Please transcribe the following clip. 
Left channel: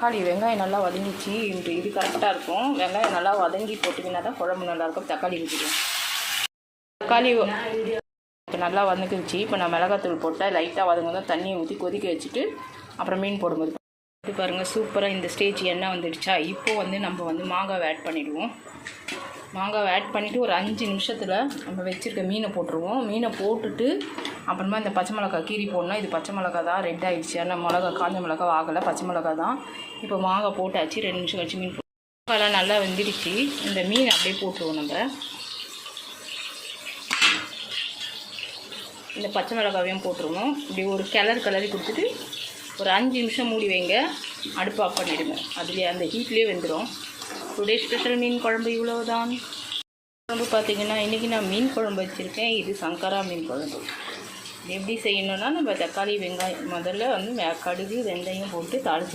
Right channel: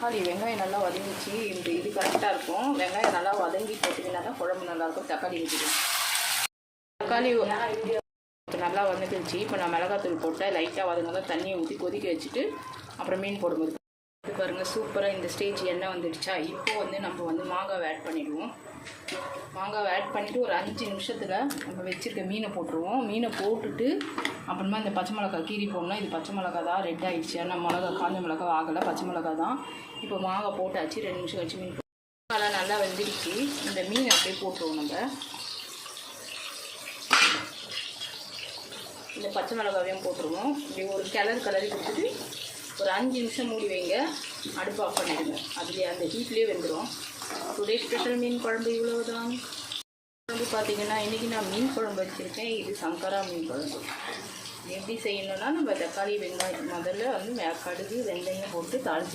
தக்காளி வெங்காயம் நல்லா வதங்கிச்சு. இது கரெக்டாக இருக்கும். வெங்காயம் நல்லா வதங்கி போட்டிங்கன்னா தான் குழம்பு நல்லாயிருக்கும். தக்காளி ஊற்றிக்கலாம். தக்காளி இப்போ நல்லா வதங்கிடுச்சு. இப்போ நான் மிளகாத்தூள் போட்டேன். லைட்டாக வதங்க தண்ணியை ஊற்றி கொதிக்க வச்சுட்டு அப்புறம் மீன் போடும்போது இது பாருங்கள், சூப்பராக இந்த ஸ்டேஜ் எண்ணெய் வந்துடுச்சா. இப்போ நம்ம மாங்காவை ஆட் பண்ணிவிடுவோம். மாங்காவை ஆட் பண்ணிவிட்டு ஒரு 5 நிமிஷத்தில் நம்ம வச்சுருக்க மீனை போட்டுருவோம். மீனை போட்டுட்டு அப்புறமா இந்த பச்சை மிளகா கீரி போடணும். இது பச்சை மிளகா தான், ரெட் ஆகிடுச்சு. ஆனால் மிளகா காஞ்ச மிளகா ஆகலை, பச்சை மிளகா தான். இப்போ மாங்காய் போட்டாச்சு. 2 நிமிஷம் கழிச்சு மீன் மாங்காய்லாம் நல்லா வெந்துடுச்சு. இந்த மீன் அப்படியே போட்டுருவோம். நம்ம இந்த பச்சை மிளகாவையும் போட்டுருவோம். இப்படி ஒரு கிளறி கொடுத்துட்டு ஒரு 5 நிமிஷம் மூடி வைங்க. அடுப்பு ஆஃப் பண்ணிவிடுங்க. அதுலேயே அந்த ஹீட்லேயே வெந்துடும். டுடே ஸ்பெஷல் மீன் குழம்பு இவ்வளவுதான். குழம்பு பார்த்திங்கன்னா இன்றைக்கி நான் மீன் குழம்பு வச்சுருக்கேன். இது சங்கரா மீன் குழம்பு. எப்படி செய்யணுன்னா நம்ம தக்காளி வெங்காயம் முதல்ல கடுகு வெந்தயம் போட்டு தாளிச்சு